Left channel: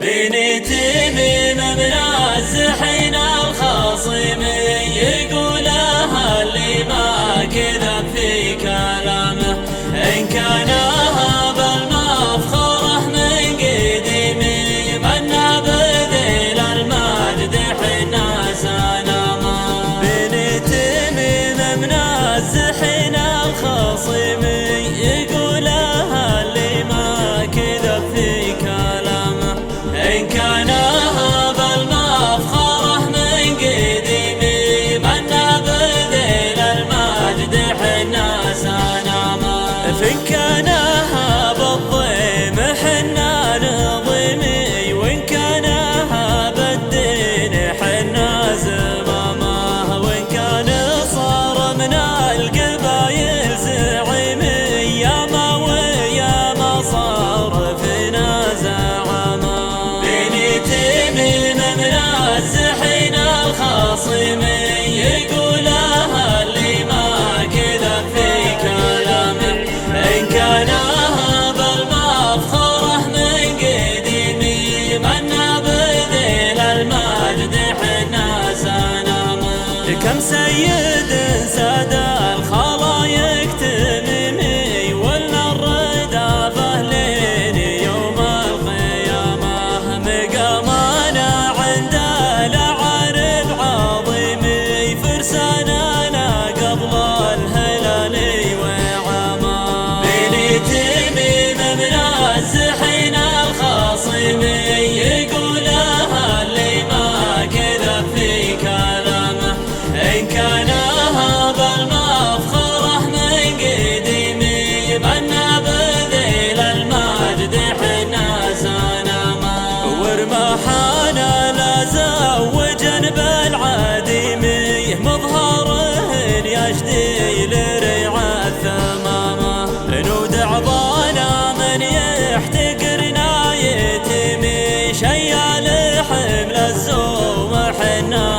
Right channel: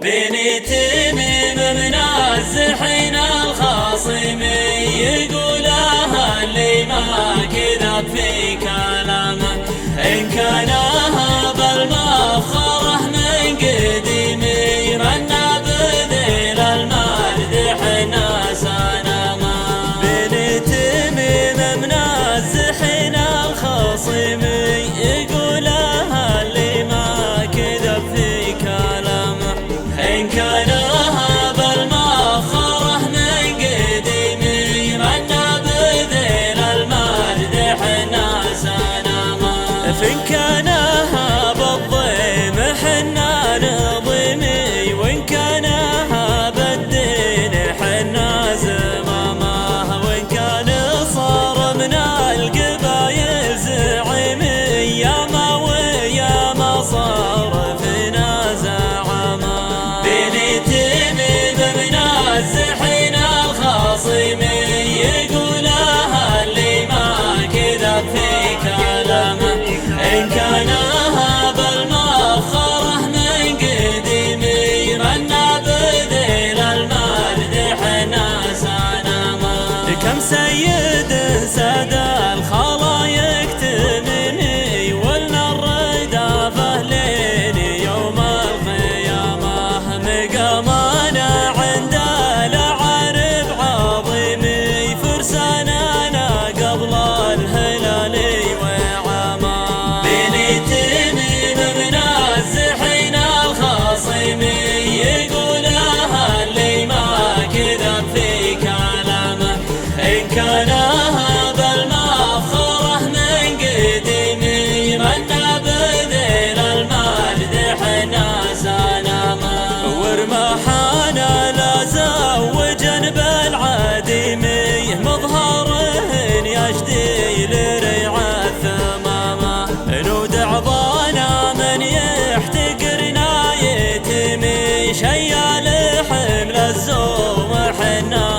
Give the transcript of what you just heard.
بنتي منازحين الخصم يقولها اللي ما كذب في كلامه، إن كان هذا المفخره من قديم منا بذيل المادح الناس نما. بنتي منازحين الخصم يقولها اللي ما كذب في كلامه، إن كان هذا المفخره من قديم منا بذيل المادح الناس نما. فإن كان هذا الضيم حنا نظيمي، وإن كان هذا الدين حنا زمامه، وإن كان صار من القبايل زعيمي يا ما ويا ما صار فينا زعما. بنتي منازحين الخصم يقولها اللي ما كذب في كلامه، إن كان هذا المفخره من قديم منا بذيل المادح الناس نما. كم سيد ساد الخلايق تمني ولنا الردافه لين يوم القيامه، مقامنا عند الأعارب عظيمي فرساننا قبل الهلال وعما. بنتي منازحين الخصم يقولها اللي ما كذب في كلامه، إن كان هذا المفخره من قديم منا بذيل المادح الناس نما. ورماحنا لا زوجا بالعديمي مظهره يشدي لريع الثمامه، نودع ضانا من يحتقرنا يتمي شيال حمل الزوم حنا